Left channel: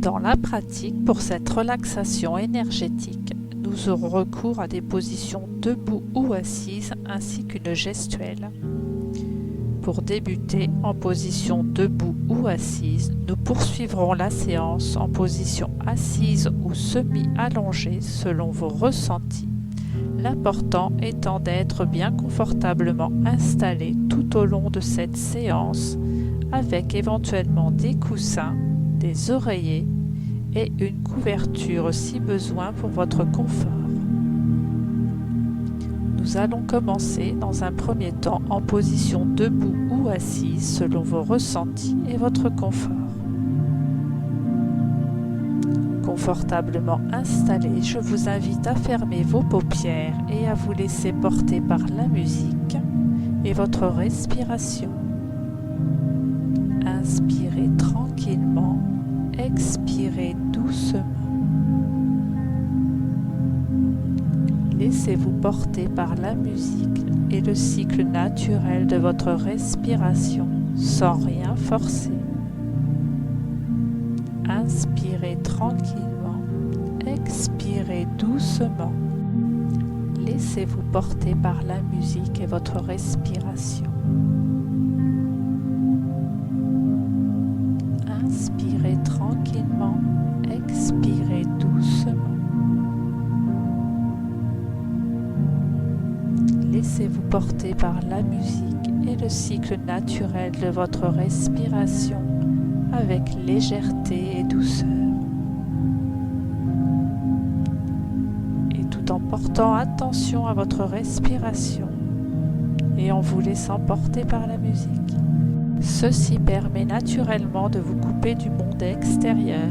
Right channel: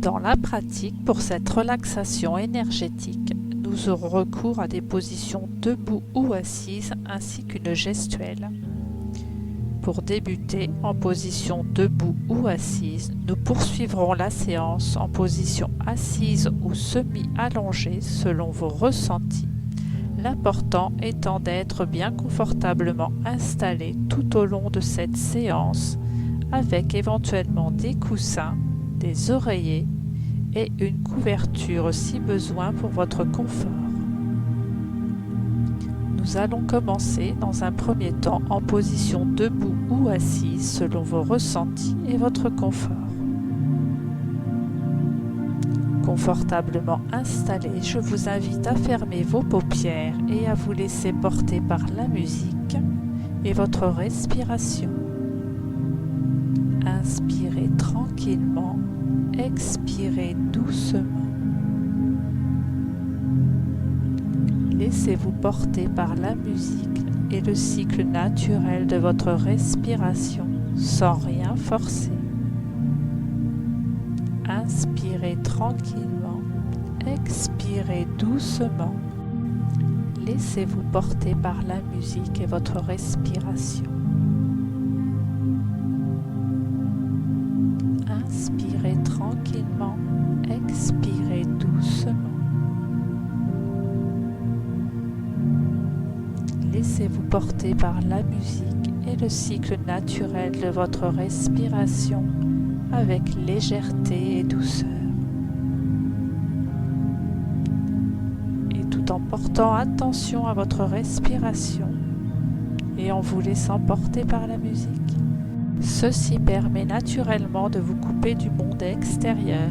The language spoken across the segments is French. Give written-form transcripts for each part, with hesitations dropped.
Dans la pratique, pour cette relaxation énergétique, nous aurons recours à des positions debout ou assises ainsi qu'une gestuelle. Pour débuter en position debout ou assise, nous poursuivrons la séance en position assise ou semi-allongée selon vos ressentis. L'important étant d'être bien confortablement installé tout au long de cette séance avec éventuellement des coussins, des oreillers et une couverture si besoin pour votre confort. Nous allons commencer dans un premier temps en position debout ou assise selon vos ressentis et votre confort. Confortablement installé, je vous invite à fermer vos paupières et à vous laisser porter par la musique et votre respiration. Inspirez tranquillement, expirez doucement. Laissez-vous porter par la musique et le cycle naturel de votre respiration sans rien forcer. Inspirez tranquillement, expirez doucement. Laissez-vous porter par la musique et votre respiration. Inspirez tranquillement, expirez doucement. Laissez-vous porter par la musique et le cycle naturel de votre respiration avec légèreté et douceur. Et tout en portant attention à votre respiration et en vous laissant porter par la musique, ceci permet naturellement de vous couper du monde extérieur,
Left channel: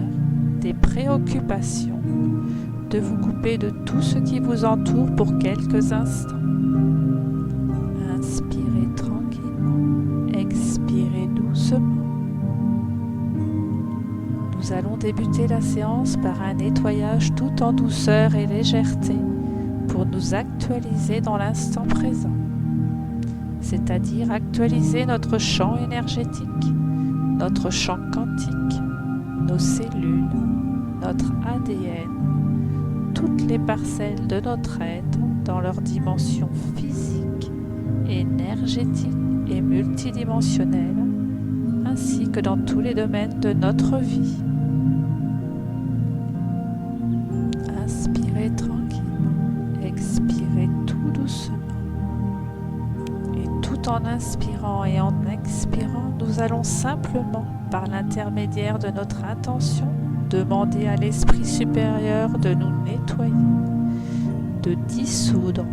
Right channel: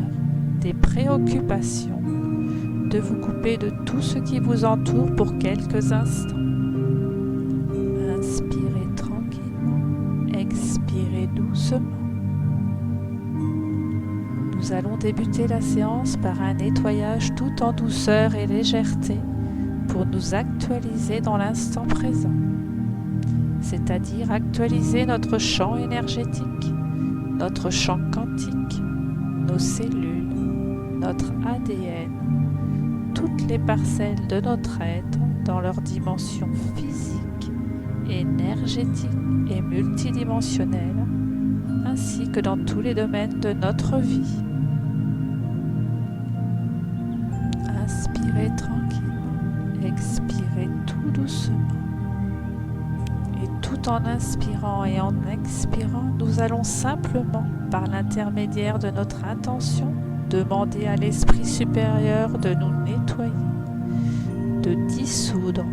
des préoccupations, de vous couper de tout ce qui vous entoure pour quelques instants. Inspirez tranquillement, expirez doucement. Nous allons débuter la séance par un nettoyage tout en douceur et légèreté pour nous actualiser dans l'instant présent, c'est-à-dire actualiser notre champ énergétique, notre champ quantique, nos cellules, notre ADN, toutes les parcelles de notre être dans leur dimension physique, énergétique et multidimensionnelle, ainsi que dans tous les domaines de notre vie. Inspirez tranquillement, expirez tout doucement. Et tout en inspirant et en expirant, nous allons simplement, par l'intermédiaire de notre intention, demander à l'esprit supérieur de nous nettoyer, de dissoudre,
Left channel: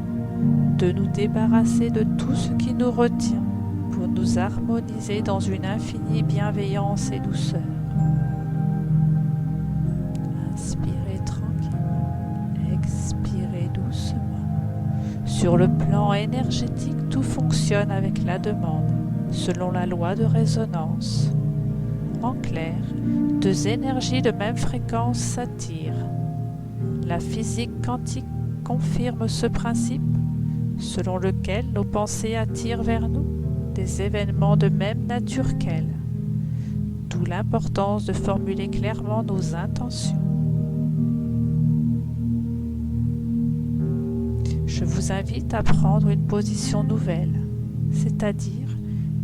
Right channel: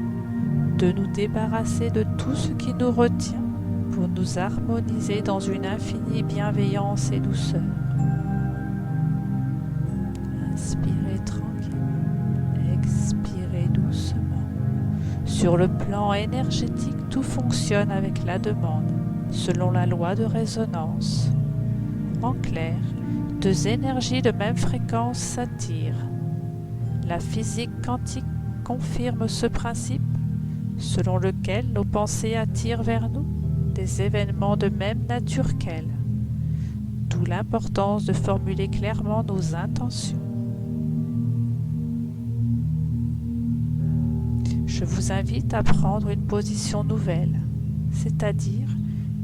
de nous débarrasser de tout ce qui nous retient pour nous harmoniser dans une infinie bienveillance et douceur. Inspirez tranquillement, expirez doucement. Sur le plan énergétique, tout fonctionne avec la demande, selon la loi de résonance. En clair, deux énergies de même fréquence s'attirent. La physique quantique confirme ce principe, selon lequel nos pensées attirent vers nous des événements de même nature qu'elles. D'où l'importance de formuler clairement nos intentions. Je vous invite à prendre une position nouvelle, c'est-à-dire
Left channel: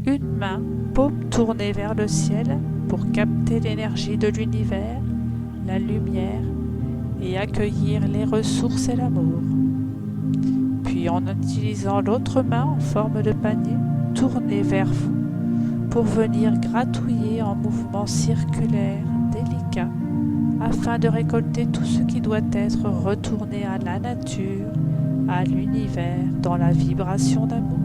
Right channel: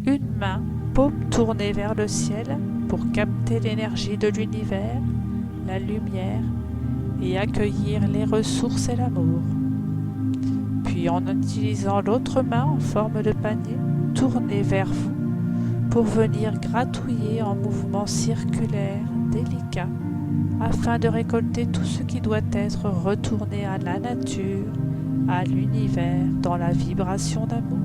une main, paume tournée vers le ciel pour capter l'énergie de l'univers, la lumière et accueillir les ressources et l'amour. Puis en utilisant l'autre main en forme de panier, tournez vers vous pour venir gratouiller en mouvement circulaire délicat afin de récolter tout ce qui doit être retourné à la nature, à l'univers dans la vibration d'amour.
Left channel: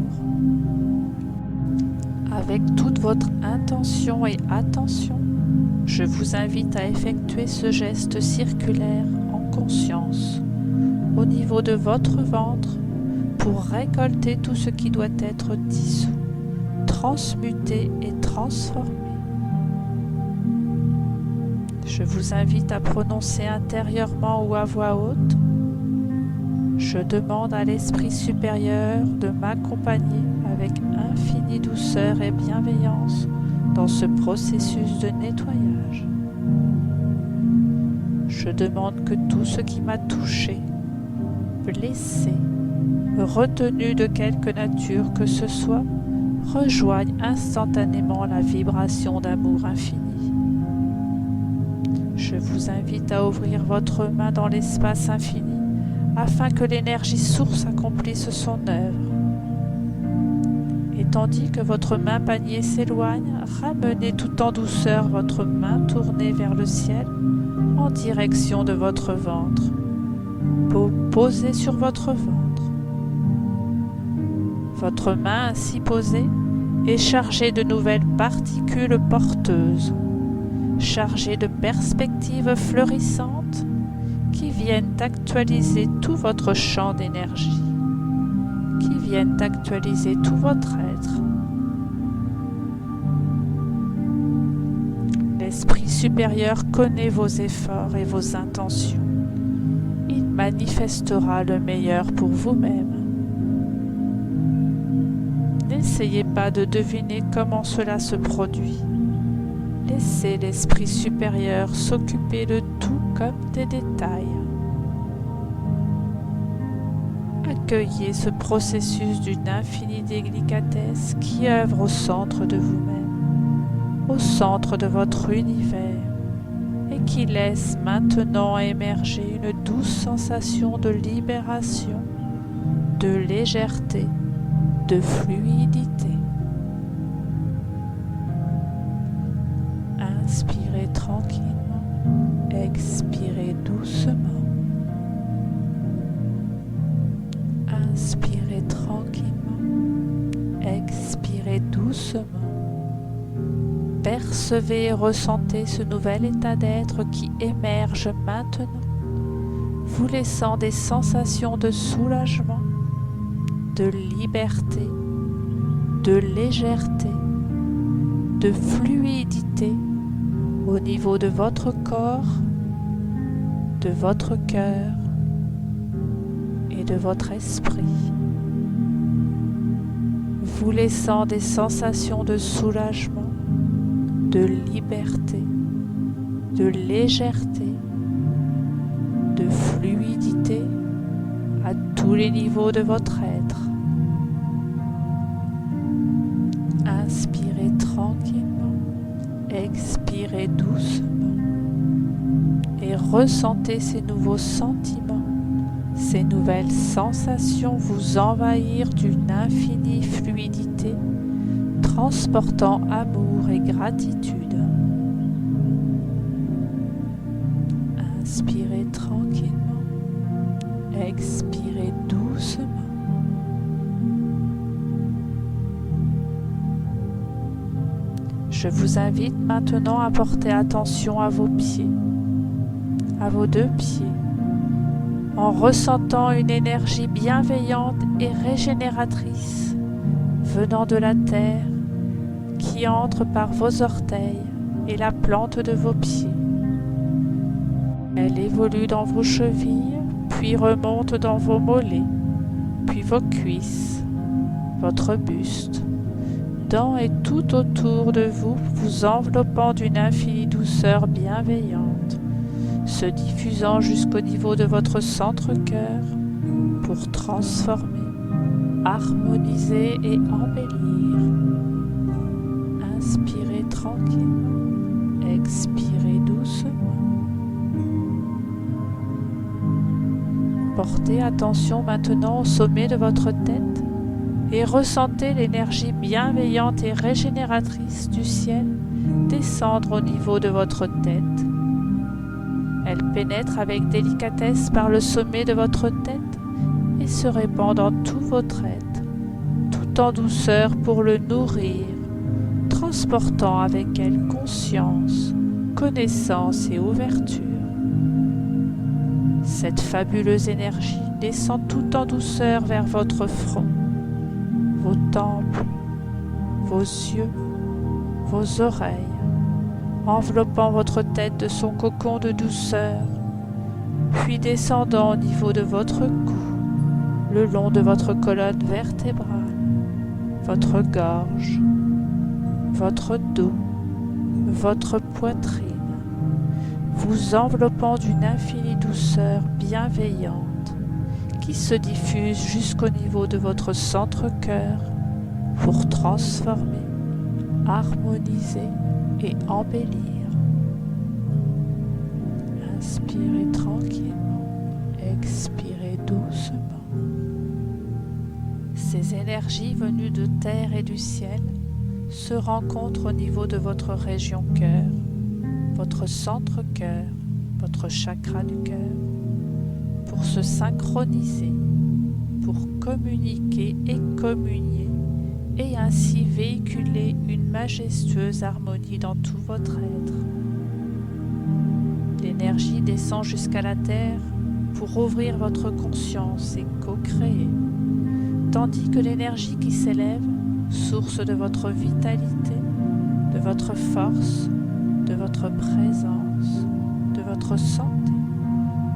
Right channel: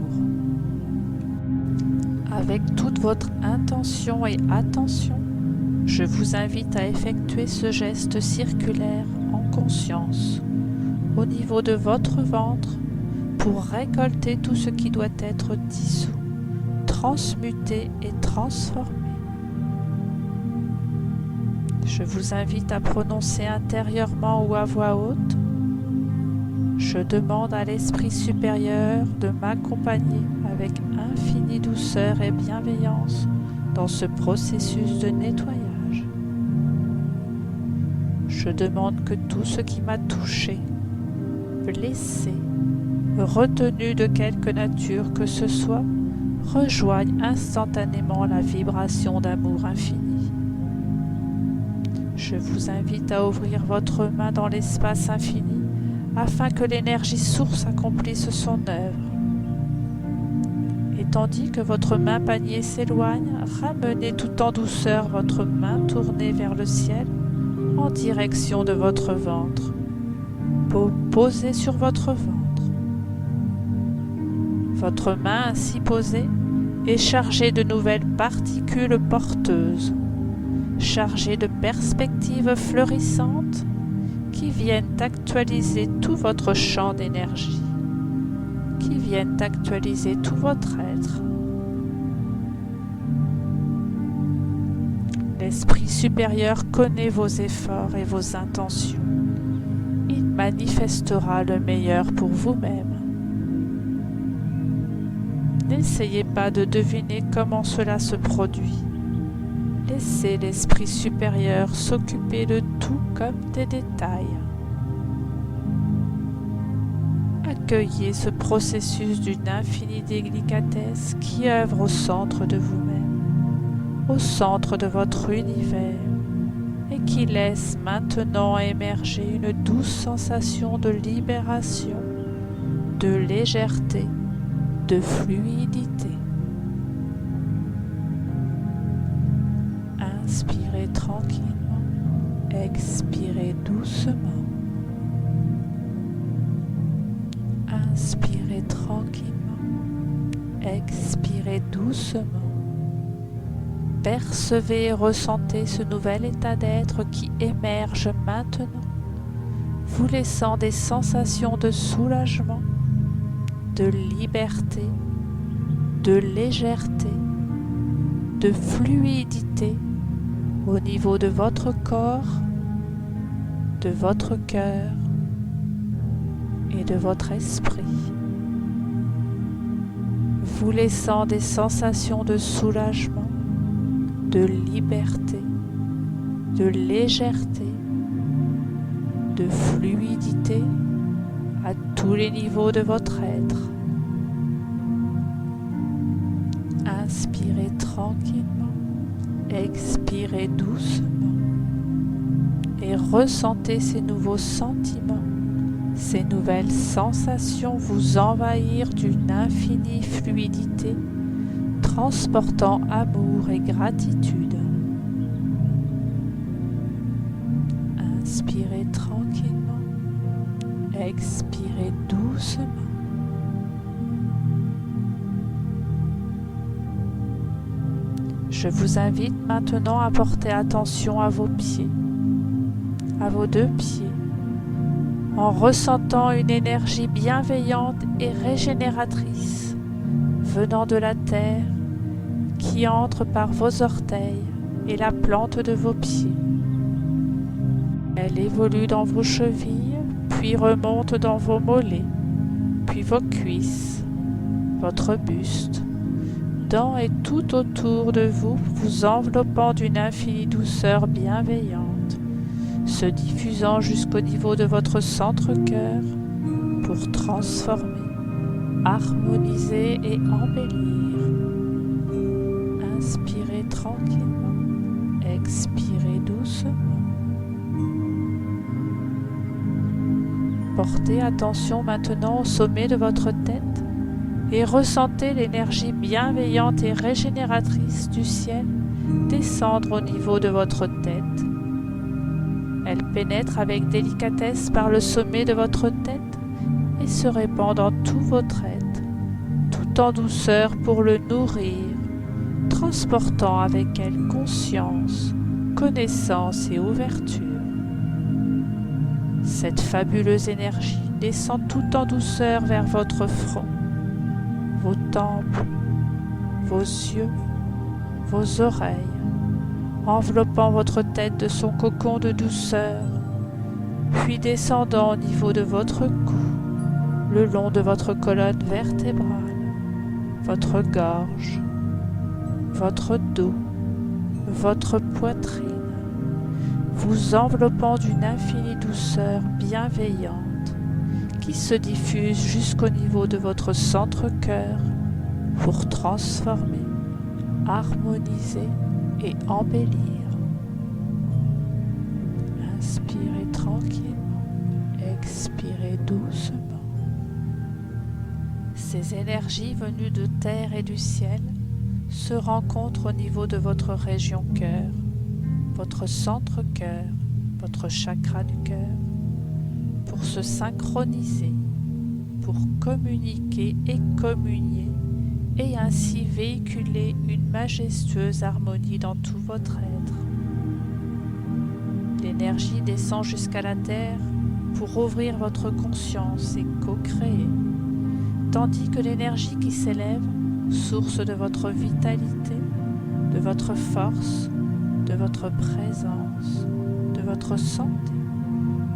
Avec toute votre intention et attention, je vous invite à effectuer ce geste circulaire en conscience au niveau de votre ventre pour récolter tout ce qui doit être dissous, transmuté et transformé. Je vous invite à prononcer intérieurement ou à voix haute: je demande à l'Esprit supérieur de m'accompagner avec infinie douceur et bienveillance dans ce processus de nettoyage. Je demande que tout ce qui m'a touché, blessé, retenu de quelque nature que ce soit, rejoigne instantanément la vibration d'amour infini. Je vous invite à ouvrir votre main dans l'espace infini afin que l'énergie source accomplisse son œuvre. Et tandis que votre main panier s'éloigne, ramenez tout en douceur votre main tournée vers le ciel en direction de votre ventre. Posez sur votre ventre. Votre main ainsi posée est chargée de nouvelles particules porteuses, chargées de perspectives fleurissantes qui viennent actualiser tout votre champ d'énergie, qui viennent actualiser tout votre être. L'Esprit supérieur connaît vos efforts et vos intentions. Il manifestera le meilleur pour vous-même. N'essayez pas de deviner comment cela se produit. Laissez l'Esprit supérieur s'occuper de tout comme des détails. Accueillez ce processus d'une infinie délicatesse qui œuvre au centre de vous-même, au centre de votre univers, et qui laisse maintenant émerger une douce sensation de libération, de légèreté, de fluidité. Inspirez tranquillement, expirez doucement. Inspirez tranquillement, expirez doucement. Percevez et ressentez ce nouvel état d'être qui émerge maintenant, vous laissant des sensations de soulagement, de liberté, de légèreté, de fluidité au niveau de votre corps, de votre cœur et de votre esprit, vous laissant des sensations de soulagement, de liberté, de légèreté, de fluidité à tous les niveaux de votre être. Inspirez tranquillement, expirez doucement et ressentez ces nouveaux sentiments, ces nouvelles sensations vous envahir d'une infinie fluidité, transportant amour et gratitude. Inspirez tranquillement, expirez doucement. Je vous invite maintenant à porter attention à vos pieds, à vos deux pieds, en ressentant une énergie bienveillante et régénératrice venant de la terre qui entre par vos orteils et la plante de vos pieds. Elle évolue dans vos chevilles, puis remonte dans vos mollets, puis vos cuisses, votre buste, dans et tout autour de vous, vous enveloppant d'une infinie douceur bienveillante, se diffusant jusqu'au niveau de votre centre-cœur pour transformer, harmoniser et embellir. Inspirez tranquillement, expirez doucement. Portez attention maintenant au sommet de votre tête et ressentez l'énergie bienveillante et régénératrice du ciel descendre au niveau de votre tête. Elle pénètre avec délicatesse par le sommet de votre tête et se répand dans tout votre être, tout en douceur pour le nourrir, transportant avec elle conscience, connaissance et ouverture. Cette fabuleuse énergie descend tout en douceur vers votre front, vos tempes, vos yeux, vos oreilles, enveloppant votre tête de son cocon de douceur, puis descendant au niveau de votre cou, le long de votre colonne vertébrale, votre gorge, votre dos, votre poitrine, vous enveloppant d'une infinie douceur bienveillante qui se diffuse jusqu'au niveau de votre centre-cœur pour transformer, harmoniser et embellir. Inspirez tranquillement, expirez doucement. Ces énergies venues de terre et du ciel se rencontrent au niveau de votre région cœur, votre centre-cœur, votre chakra du cœur, pour se synchroniser, pour communiquer et communier, et ainsi véhiculer une majestueuse harmonie dans tout votre être. L'énergie descend jusqu'à la terre pour ouvrir votre conscience et co-créer, tandis que l'énergie qui s'élève, source de votre vitalité, de votre force, de votre présence, de votre santé,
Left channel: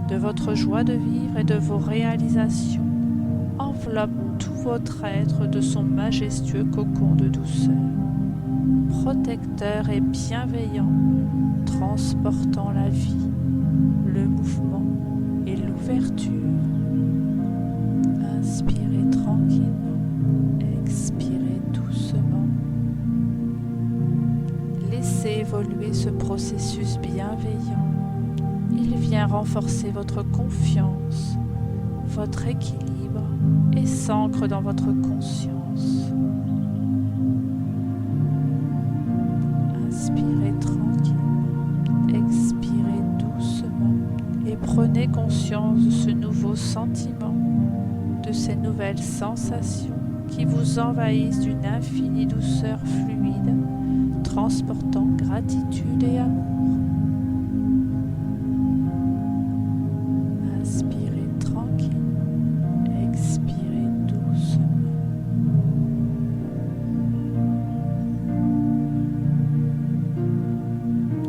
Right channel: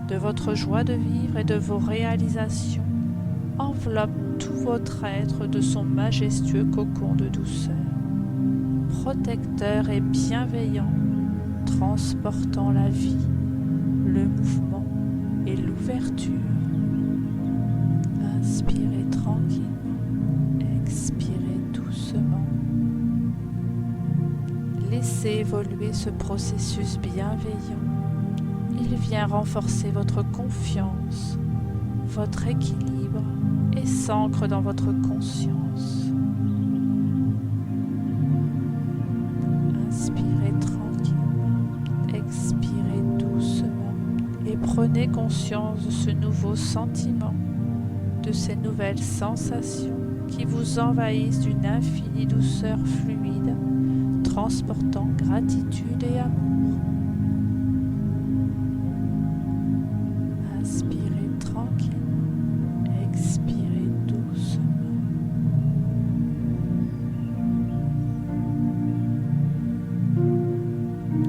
de votre joie de vivre et de vos réalisations, enveloppe tout votre être de son majestueux cocon de douceur, protecteur et bienveillant, transportant la vie, le mouvement et l'ouverture. Inspirez tranquillement, expirez doucement. Laissez évoluer ce processus bienveillant. Il vient renforcer votre confiance, votre équilibre et s'ancre dans votre conscience. Inspirez tranquillement, expirez doucement et prenez conscience de ce nouveau sentiment, de ces nouvelles sensations qui vous envahissent d'une infinie douceur fluide, transportant gratitude et amour. Inspirez tranquillement, expirez doucement.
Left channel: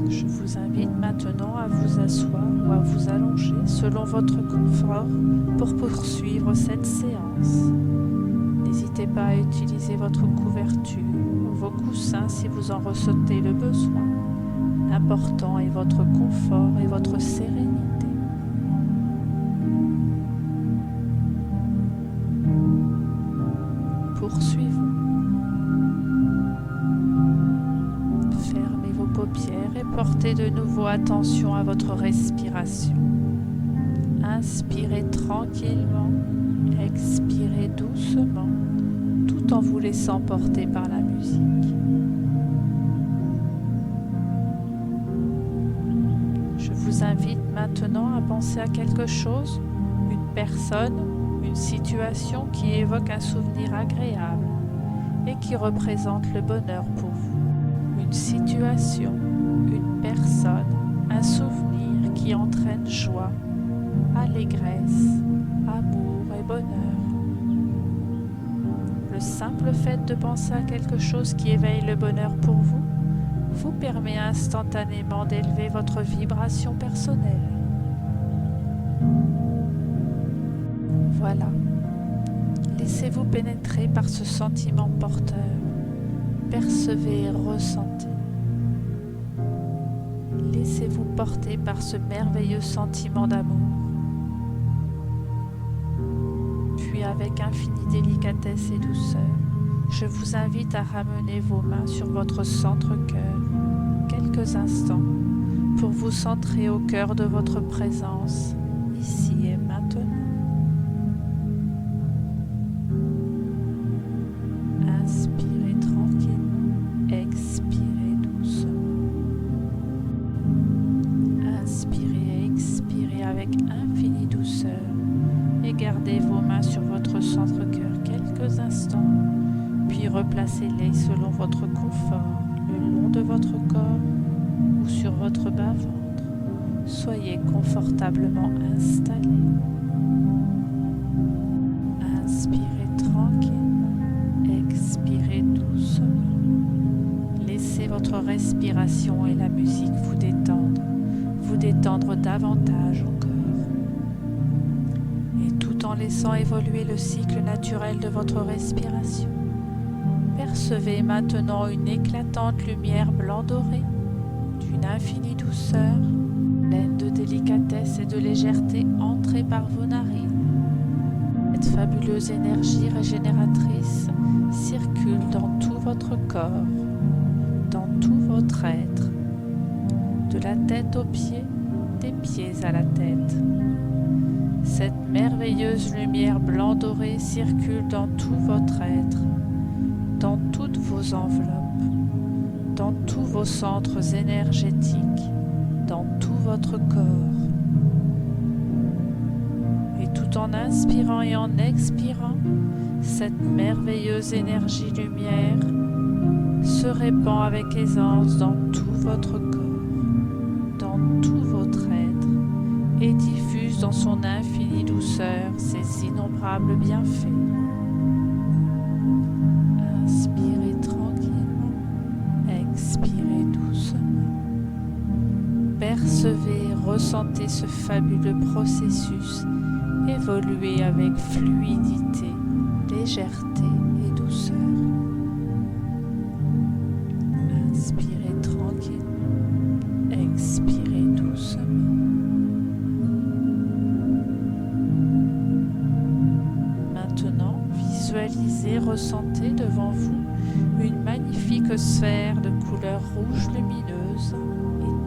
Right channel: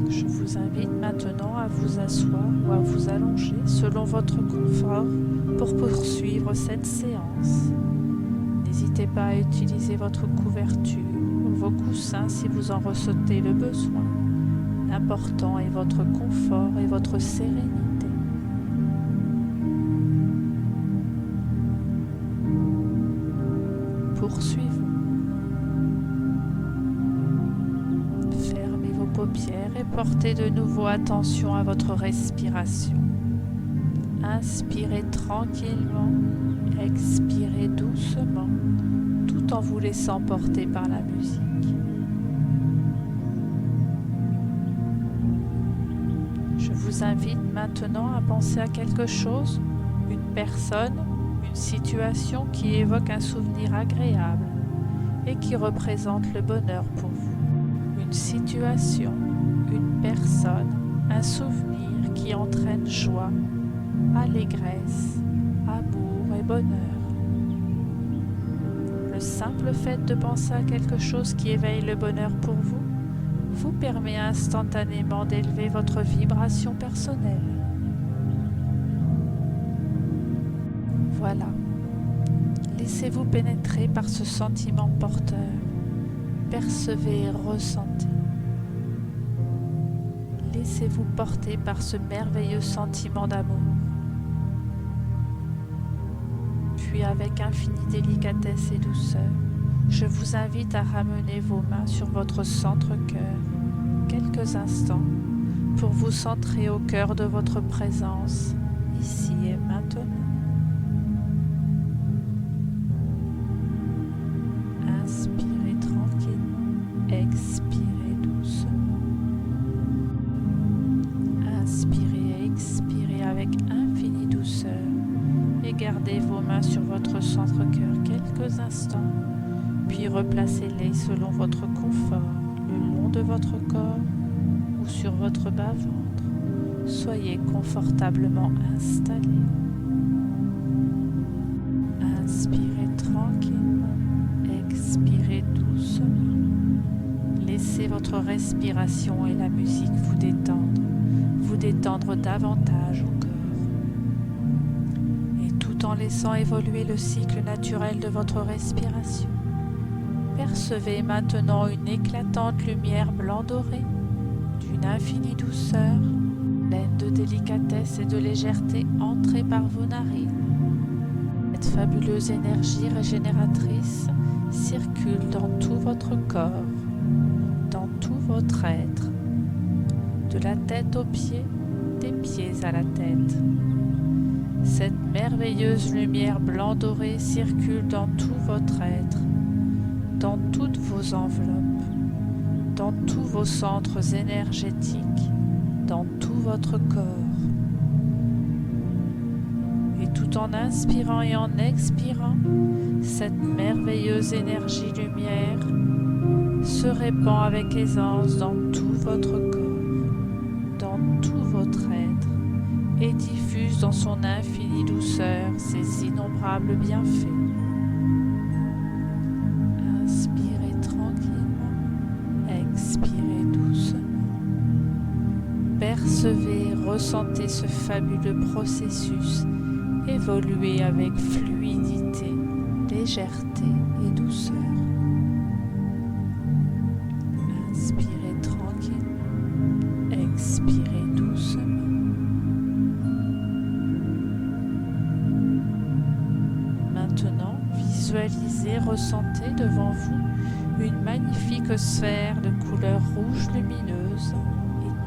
Je vous invite maintenant à vous asseoir ou à vous allonger selon votre confort pour poursuivre cette séance. N'hésitez pas à utiliser votre couverture ou vos coussins si vous en ressentez le besoin. L'important est votre confort et votre sérénité. Poursuivons. Fermez vos paupières et portez de nouveau attention à votre respiration. Inspirez tranquillement, expirez doucement, tout en vous laissant porter par la musique. Je vous invite maintenant à penser à quelque chose, une personne, une situation qui évoque un souvenir agréable et qui représente le bonheur pour vous. Une situation, une personne, un souvenir qui entraîne joie, allégresse, amour et bonheur. Le simple fait de penser à quelque chose qui éveille le bonheur pour vous, vous permet instantanément d'élever votre vibration personnelle. Voilà. Laissez-vous pénétrer par ce sentiment porteur. Percevez et ressentez. Laissez-vous porter par ce merveilleux sentiment d'amour. Puis avec infinie délicatesse et douceur, je vous invite à ramener vos mains sur votre centre-cœur quelques instants pour vous centrer au cœur de votre présence, ici et maintenant. Inspirez tranquillement, expirez doucement. Inspirez et expirez avec infinie douceur et gardez vos mains sur votre centre-cœur quelques instants, puis replacez-les selon votre confort, le long de votre corps ou sur votre bas-ventre. Soyez confortablement installés. Inspirez tranquillement, expirez doucement. Laissez votre respiration et la musique vous détendre davantage encore. Et tout en laissant évoluer le cycle naturel de votre respiration, percevez maintenant une éclatante lumière blanc doré, d'une infinie douceur, pleine de délicatesse et de légèreté, entrez par vos narines. Cette fabuleuse énergie régénératrice circule dans tout votre corps, dans tout votre être, de la tête aux pieds, des pieds à la tête. Cette merveilleuse lumière blanc doré circule dans tout votre être, dans toutes vos enveloppes, dans tous vos centres énergétiques, dans tout votre corps. Et tout en inspirant et en expirant, cette merveilleuse énergie lumière se répand avec aisance dans tout votre corps, dans tout votre être, et diffuse dans son infinie douceur ses innombrables bienfaits. Inspirez tranquillement, expirez doucement. Percevez, ressentez ce fabuleux processus évoluer avec fluidité, légèreté et douceur. Inspirez tranquillement, expirez doucement. Maintenant, visualisez, ressentez devant vous une magnifique sphère de couleur rouge lumineuse,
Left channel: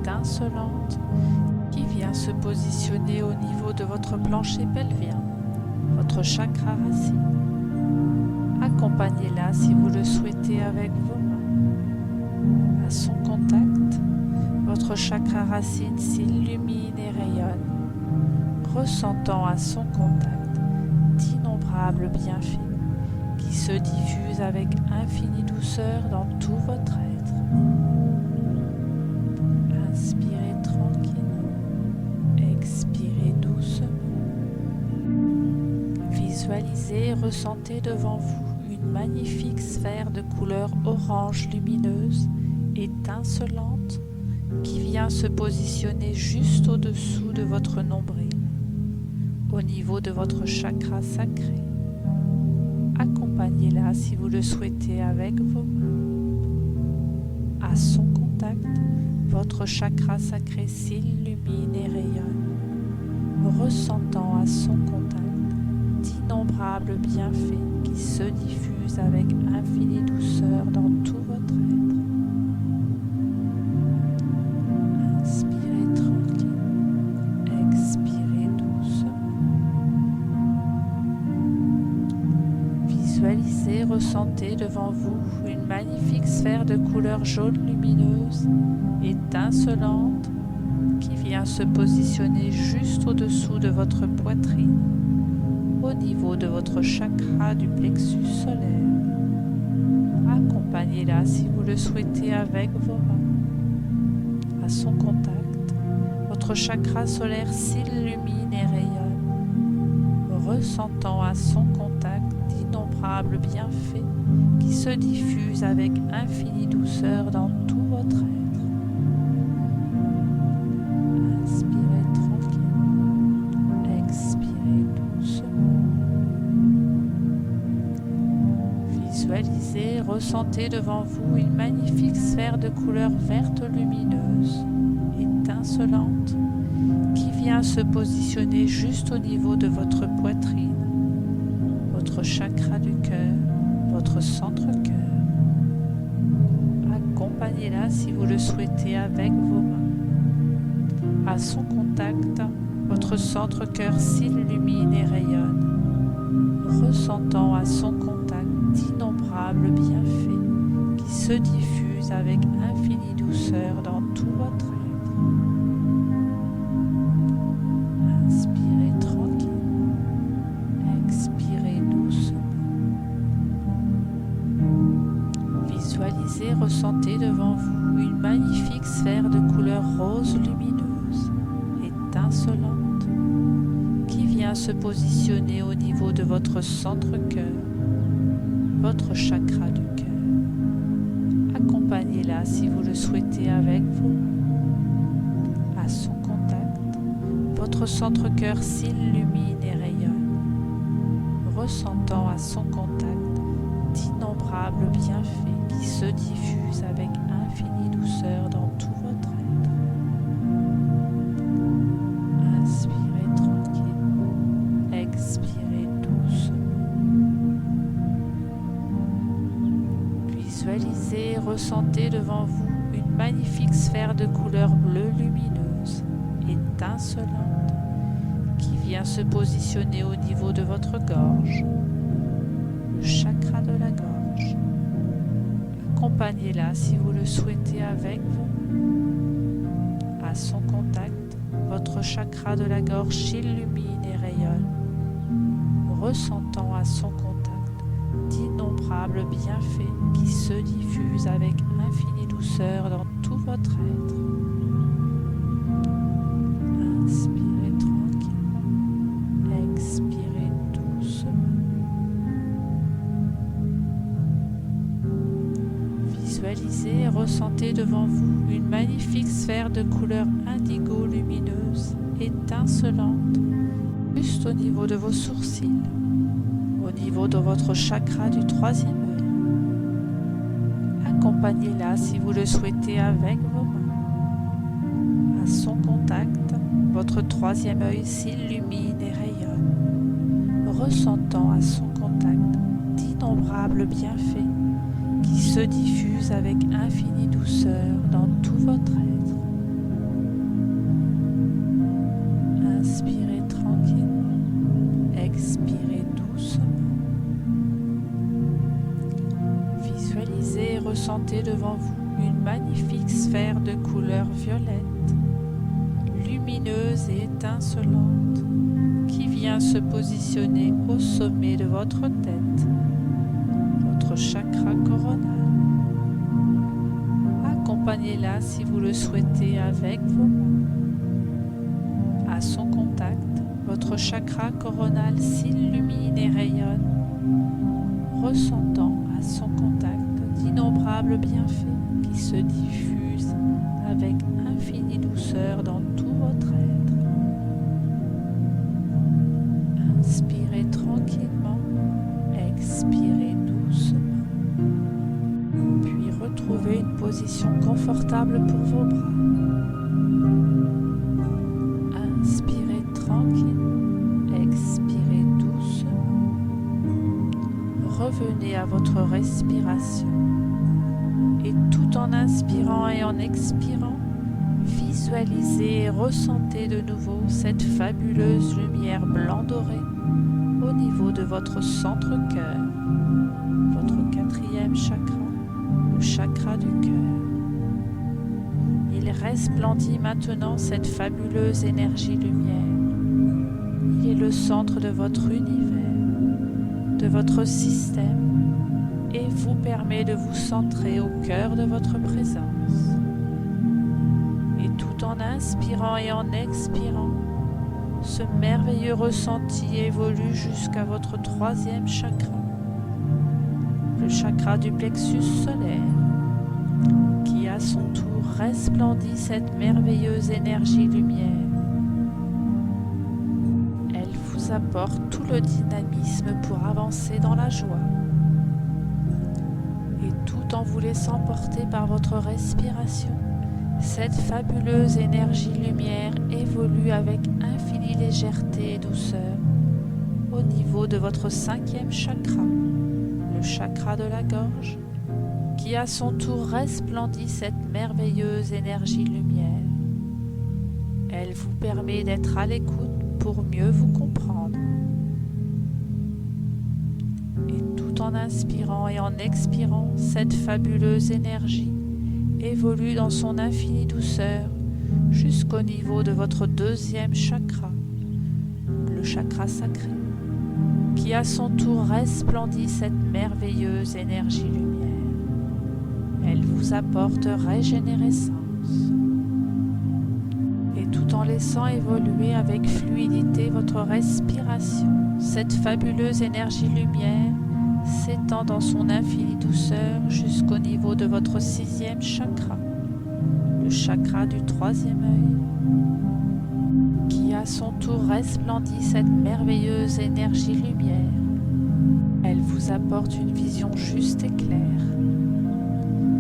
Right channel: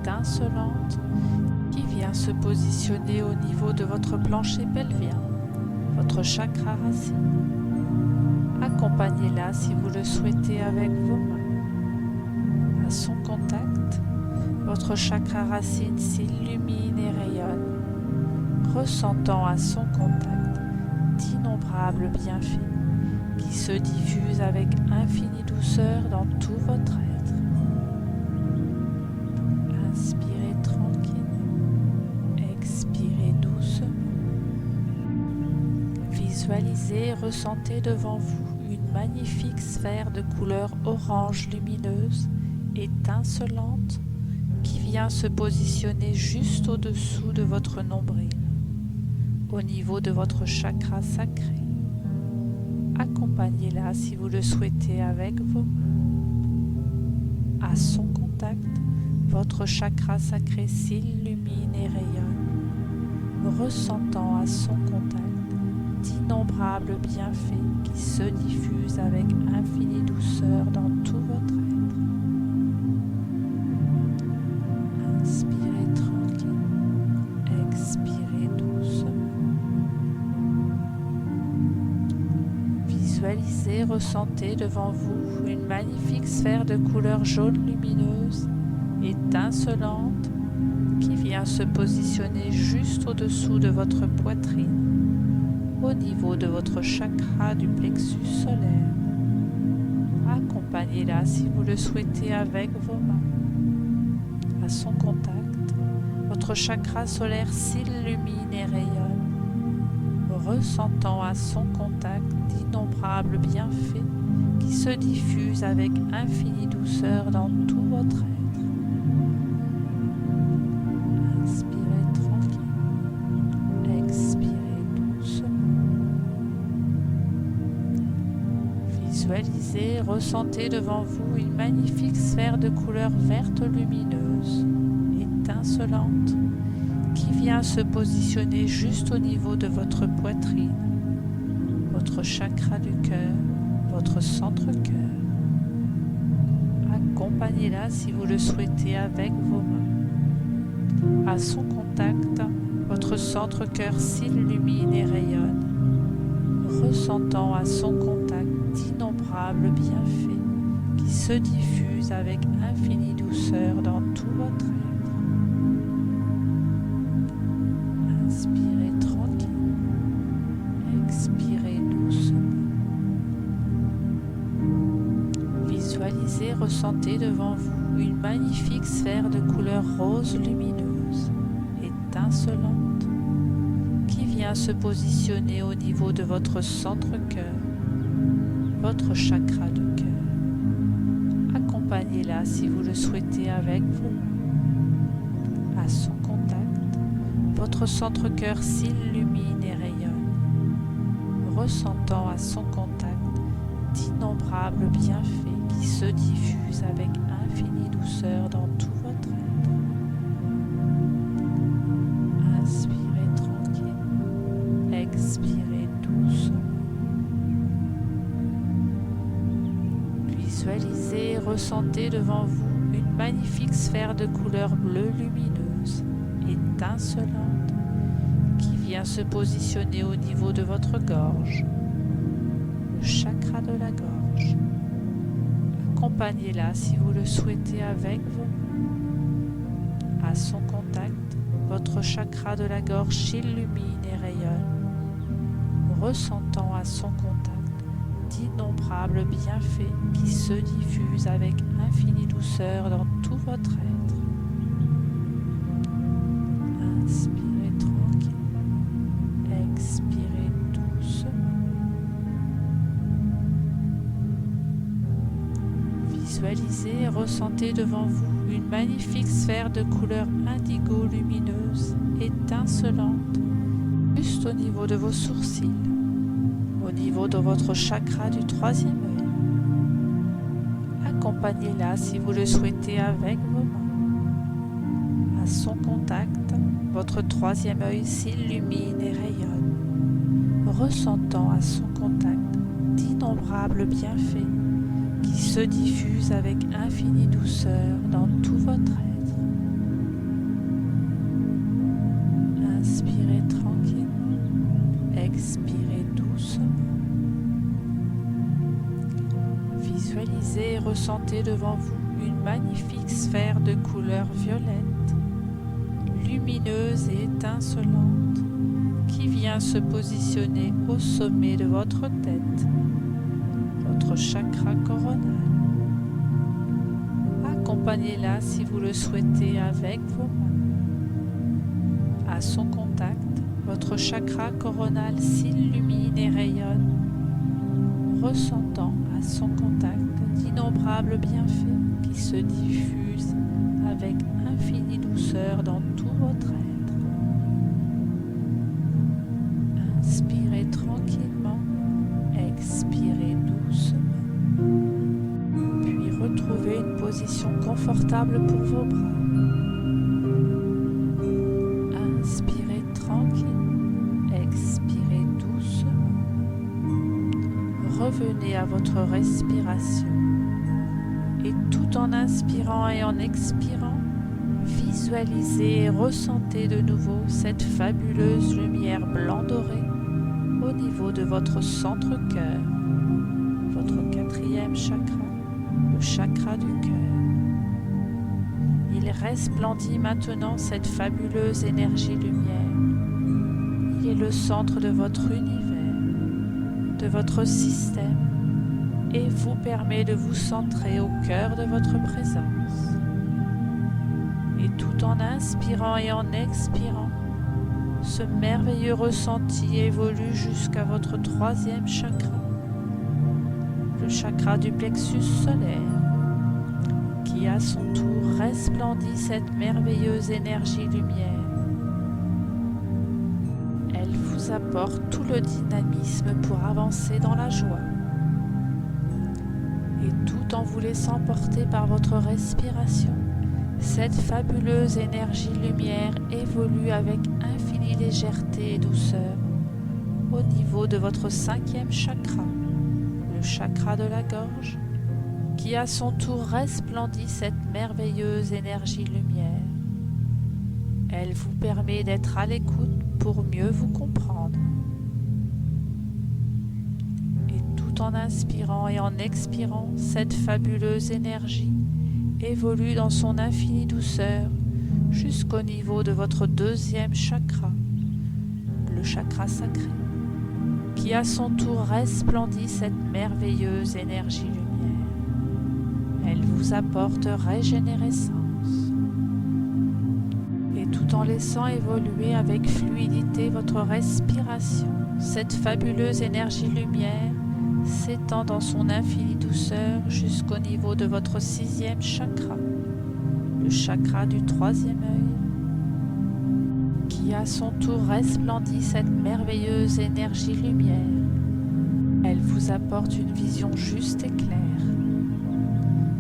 étincelante, qui vient se positionner au niveau de votre plancher pelvien, votre chakra racine. Accompagnez-la si vous le souhaitez avec vos mains. À son contact, votre chakra racine s'illumine et rayonne, ressentant à son contact d'innombrables bienfaits qui se diffusent avec infinie douceur dans tout votre être. Inspirez tranquillement, expirez doucement. Visualisez et ressentez devant vous une magnifique sphère de couleur orange lumineuse, étincelante, qui vient se positionner juste au-dessous de votre nombril, au niveau de votre chakra sacré. Accompagnez-la si vous le souhaitez avec vos mains. À son contact, votre chakra sacré s'illumine et rayonne, ressentant à son contact d'innombrables bienfaits qui se diffusent avec infinie douceur dans tout votre être. Inspirez tranquille, expirez doucement. Visualisez, ressentez devant vous une magnifique sphère de couleur jaune lumineuse, étincelante, qui vient se positionner juste au-dessous de votre poitrine, au niveau de votre chakra du plexus solaire. Accompagnez-la si vous le souhaitez avec vos mains. À son contact, votre chakra solaire s'illumine et rayonne, ressentant à son contact d'innombrables bienfaits qui se diffusent avec infinie douceur dans tout votre être. Inspirez tranquille, expirez doucement. Visualisez, ressentez devant vous une magnifique sphère de couleur verte lumineuse, étincelante, qui vient se positionner juste au niveau de votre poitrine, votre chakra du cœur, votre centre-cœur. Accompagnez-la si vous le souhaitez avec vos mains. À son contact, votre centre-cœur s'illumine et rayonne, ressentant à son contact d'innombrables bienfaits qui se diffusent avec infinie douceur dans tout votre être. Inspirez tranquille, expirez doucement. Visualisez, ressentez devant vous une magnifique sphère de couleur rose lumineuse, étincelante, qui vient se positionner au niveau de votre centre-cœur, votre chakra du cœur. Accompagnez-la si vous le souhaitez avec vos mains. À son contact, votre centre-cœur s'illumine et rayonne, ressentant à son contact d'innombrables bienfaits qui se diffusent avec infinie douceur dans tout votre être. Expirez doucement. Visualisez et ressentez devant vous une magnifique sphère de couleur bleue lumineuse, étincelante, qui vient se positionner au niveau de votre gorge, le chakra de la gorge. Accompagnez-la si vous le souhaitez avec vos mains. À son contact, votre chakra de la gorge s'illumine et rayonne, ressentant à son contact d'innombrables bienfaits qui se diffusent avec infinie douceur dans tout votre être. Inspirez tranquillement, expirez doucement. Visualisez et ressentez devant vous une magnifique sphère de couleur indigo lumineuse, étincelante, juste au niveau de vos sourcils, au niveau de votre chakra du troisième œil. Accompagnez-la si vous le souhaitez avec vos mains. À son contact, votre troisième œil s'illumine et rayonne, ressentant à son contact d'innombrables bienfaits qui se diffusent avec infinie douceur dans tout votre être. Inspirez tranquillement, expirez doucement. Visualisez et ressentez devant vous une magnifique sphère de couleur violette, lumineuse et étincelante, qui vient se positionner au sommet de votre tête, votre chakra coronal. Accompagnez-la si vous le souhaitez avec vos mains. À son contact, votre chakra coronal s'illumine et rayonne, ressentant à son contact d'innombrables bienfaits qui se diffusent avec infinie douceur dans tout votre être. Inspirez tranquillement, expirez doucement, puis retrouvez une position confortable pour vos bras. Inspirez tranquillement, expirez doucement. Revenez à votre respiration et tout en inspirant et en expirant, visualisez et ressentez de nouveau cette fabuleuse lumière blanc-doré au niveau de votre centre-cœur, votre quatrième chakra, le chakra du cœur. Il resplendit maintenant cette fabuleuse énergie lumière. Il est le centre de votre univers, de votre système, et vous permet de vous centrer au cœur de votre présence. Et tout en inspirant et en expirant, ce merveilleux ressenti évolue jusqu'à votre troisième chakra, le chakra du plexus solaire, qui à son tour resplendit cette merveilleuse énergie lumière. Elle vous apporte tout le dynamisme pour avancer dans la joie. Et tout en vous laissant porter par votre respiration, cette fabuleuse énergie lumière évolue avec infinie légèreté et douceur au niveau de votre cinquième chakra, le chakra de la gorge, qui à son tour resplendit cette merveilleuse énergie lumière. Elle vous permet d'être à l'écoute pour mieux vous comprendre. Et tout en inspirant et en expirant, cette fabuleuse énergie évolue dans son infinie douceur jusqu'au niveau de votre deuxième chakra, le chakra sacré, qui à son tour resplendit cette merveilleuse énergie lumière. Elle vous apporte régénérescence. Et tout en laissant évoluer avec fluidité votre respiration, cette fabuleuse énergie lumière s'étend dans son infinie douceur jusqu'au niveau de votre sixième chakra, le chakra du troisième œil, qui à son tour resplendit cette merveilleuse énergie lumière. Elle vous apporte une vision juste et claire.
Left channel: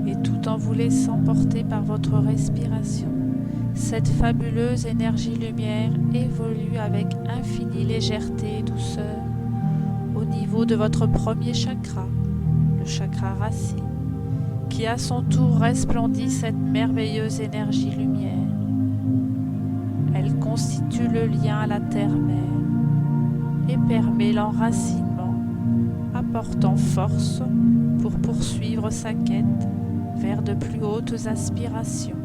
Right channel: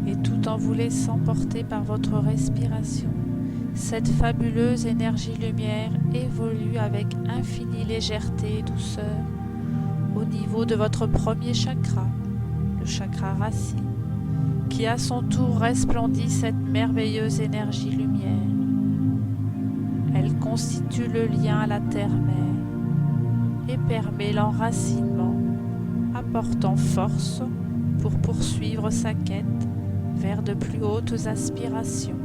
Et tout en vous laissant porter par votre respiration, Cette fabuleuse énergie-lumière évolue avec infinie légèreté et douceur au niveau de votre premier chakra, le chakra racine, qui à son tour resplendit cette merveilleuse énergie-lumière. Elle constitue le lien à la terre-mère et permet l'enracinement, apportant force pour poursuivre sa quête vers de plus hautes aspirations.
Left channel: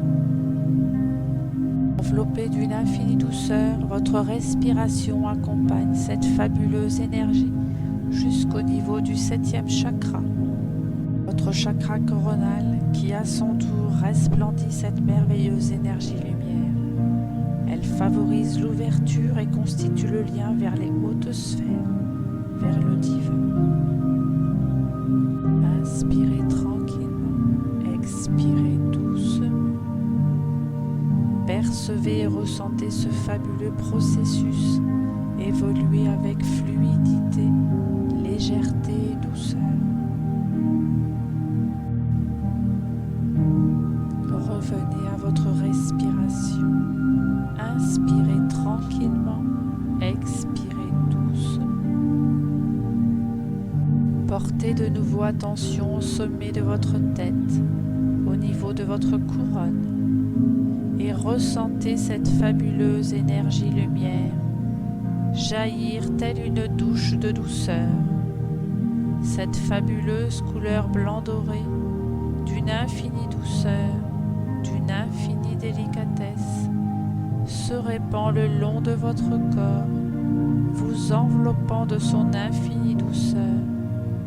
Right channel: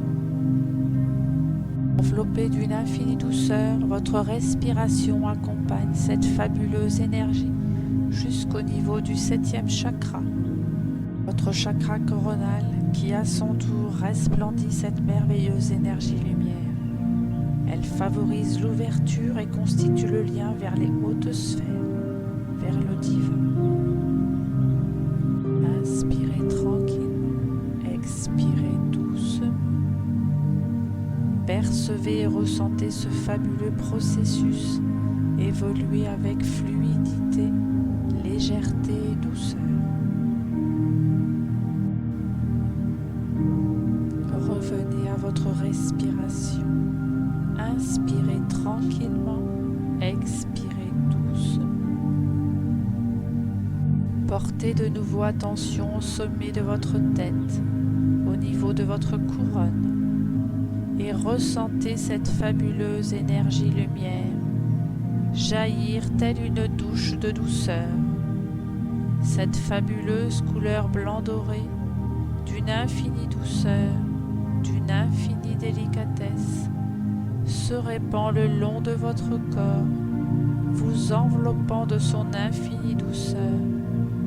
Enveloppé d'une infinie douceur, votre respiration accompagne cette fabuleuse énergie jusqu'au niveau du 7e chakra, votre chakra coronal qui à son tour resplendit cette merveilleuse énergie-lumière. Elle favorise l'ouverture et constitue le lien vers les hautes sphères, vers le divin. Inspirez tranquillement, expirez doucement. Percevez et ressentez ce fabuleux processus évoluer avec fluidité, légèreté et douceur. Revenez à votre respiration. Inspirez tranquillement, expirez doucement. Portez de nouveau attention au sommet de votre tête, au niveau de votre couronne, et ressentez cette fabuleuse énergie-lumière jaillir telle une douche de douceur. Cette fabuleuse couleur blanc-doré, d'une infinie douceur, d'une infinie délicatesse, se répand le long de votre corps, vous enveloppant de son infinie douceur,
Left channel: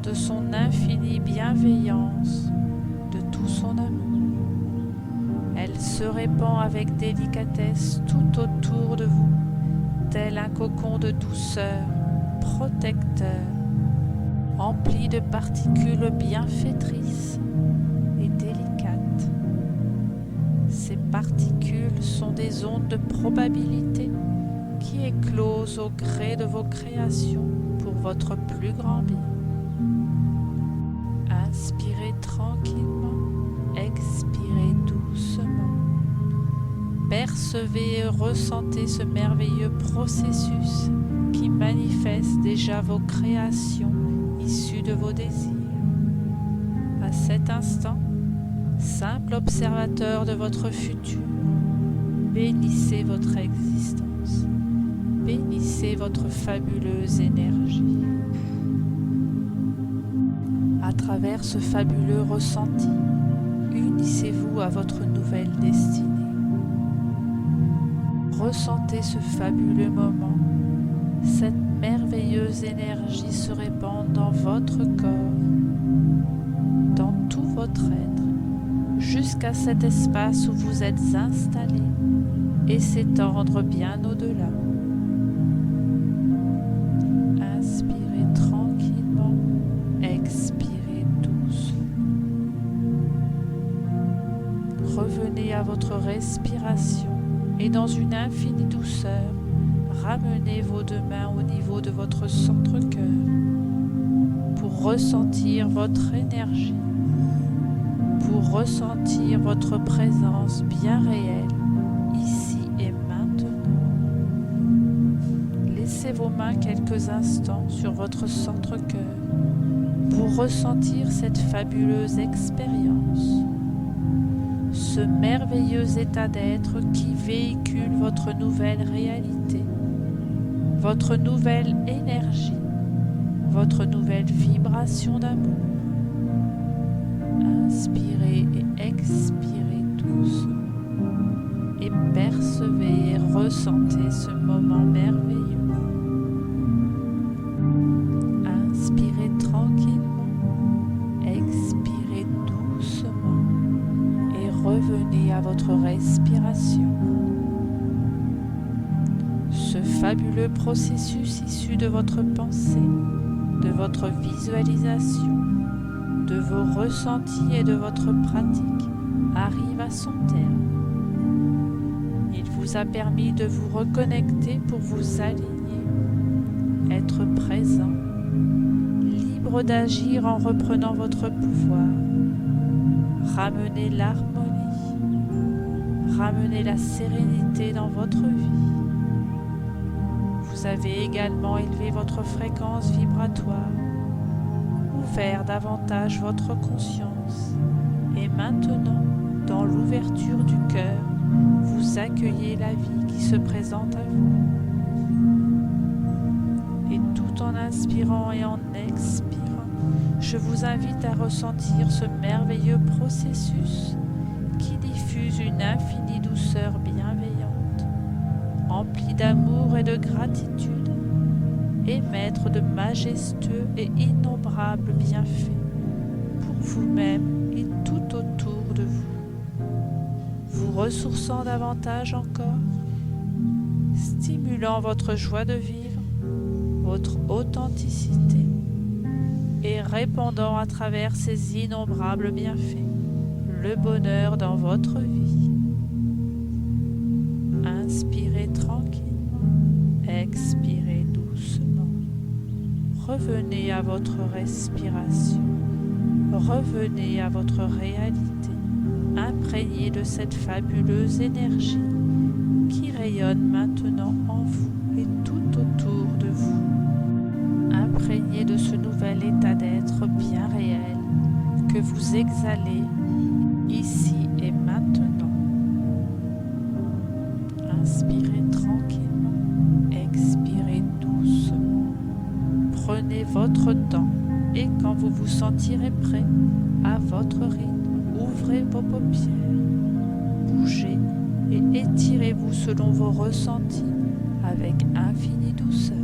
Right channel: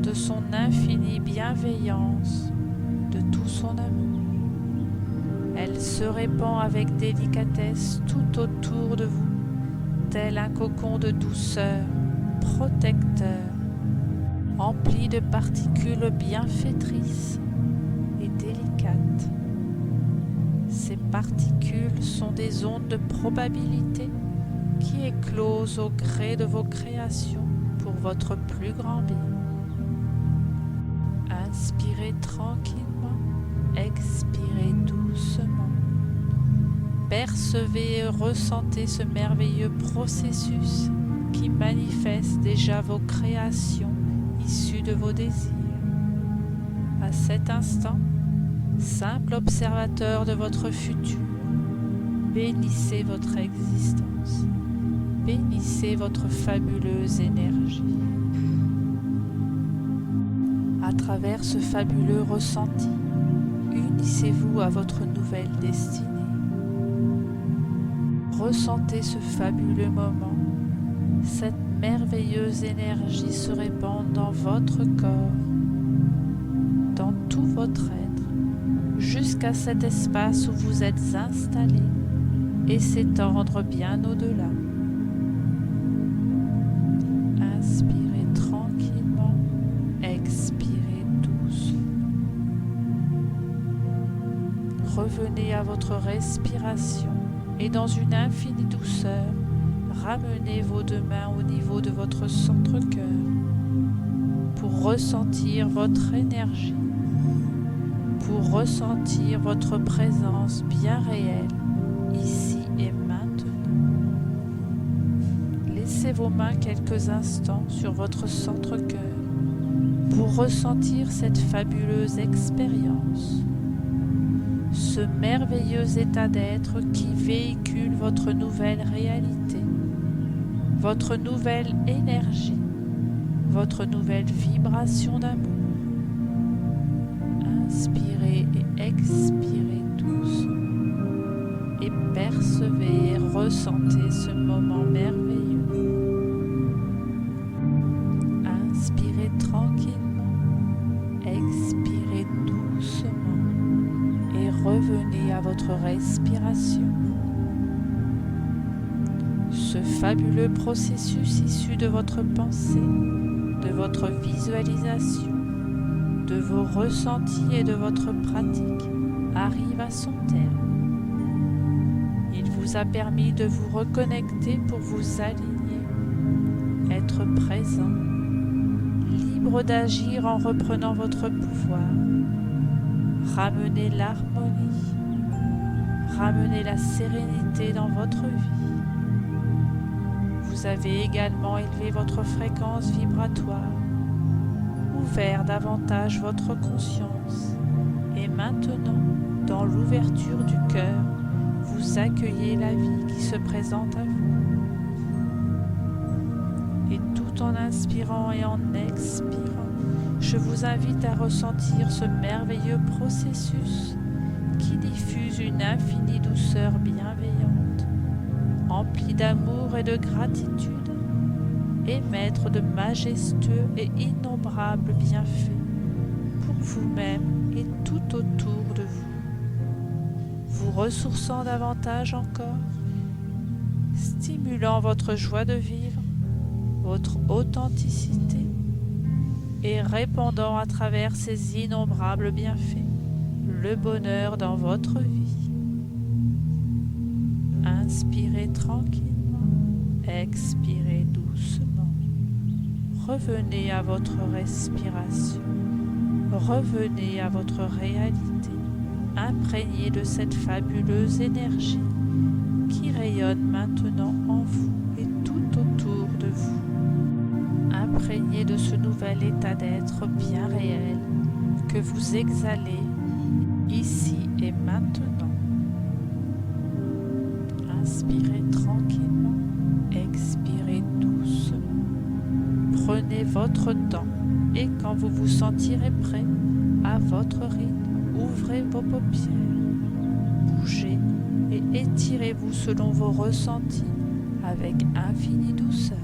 de son infinie bienveillance, de tout son amour. Elle se répand avec délicatesse tout autour de vous, tel un cocon de douceur, protecteur, empli de particules bienfaitrices et délicates. Ces particules sont des ondes de probabilité qui éclosent au gré de vos créations pour votre plus grand bien. Inspirez tranquillement, expirez doucement. Percevez et ressentez ce merveilleux processus qui manifeste déjà vos créations issues de vos désirs. À cet instant, simple observateur de votre futur, bénissez votre existence, bénissez votre fabuleuse énergie. À travers ce fabuleux ressenti, unissez-vous à votre nouvelle destinée. Ressentez ce fabuleux moment, cette merveilleuse énergie se répand dans votre corps, dans tout votre être, jusqu'à cet espace où vous êtes installé et s'étendre bien au-delà. Inspirez tranquillement, expirez doucement. Revenez à votre respiration et dans une infinie douceur, ramenez vos deux mains au niveau de votre centre-cœur pour ressentir votre énergie, pour ressentir votre présence bien réelle, ici et maintenant. Laissez vos mains quelques instants sur votre centre-cœur pour ressentir cette fabuleuse expérience, ce merveilleux état d'être qui véhicule votre nouvelle réalité, votre nouvelle énergie, votre nouvelle vibration d'amour. Inspirez et expirez doucement et percevez et ressentez ce moment merveilleux. Inspirez tranquillement, expirez doucement et revenez à votre respiration. Ce fabuleux processus issu de votre pensée, de votre visualisation, de vos ressentis et de votre pratique arrive à son terme. Il vous a permis de vous reconnecter pour vous aligner, être présent, libre d'agir en reprenant votre pouvoir, ramener l'harmonie, Ramenez la sérénité dans votre vie. Vous avez également élevé votre fréquence vibratoire, ouvert davantage votre conscience et maintenant, dans l'ouverture du cœur, vous accueillez la vie qui se présente à vous. Et tout en inspirant et en expirant, je vous invite à ressentir ce merveilleux processus qui diffuse une infinie douceur bienveillante, emplie d'amour et de gratitude, émettre de majestueux et innombrables bienfaits pour vous-même et tout autour de vous, vous ressourçant davantage encore, stimulant votre joie de vivre, votre authenticité et répandant à travers ces innombrables bienfaits le bonheur dans votre vie. Inspirez tranquillement, expirez doucement. Revenez à votre respiration, revenez à votre réalité, imprégnée de cette fabuleuse énergie qui rayonne maintenant en vous et tout autour de vous. Imprégnée de ce nouvel état d'être bien réel que vous exhalez ici et maintenant. Inspirez tranquillement, expirez doucement. Prenez votre temps et quand vous vous sentirez prêt, à votre rythme, ouvrez vos paupières, bougez et étirez-vous selon vos ressentis avec infinie douceur.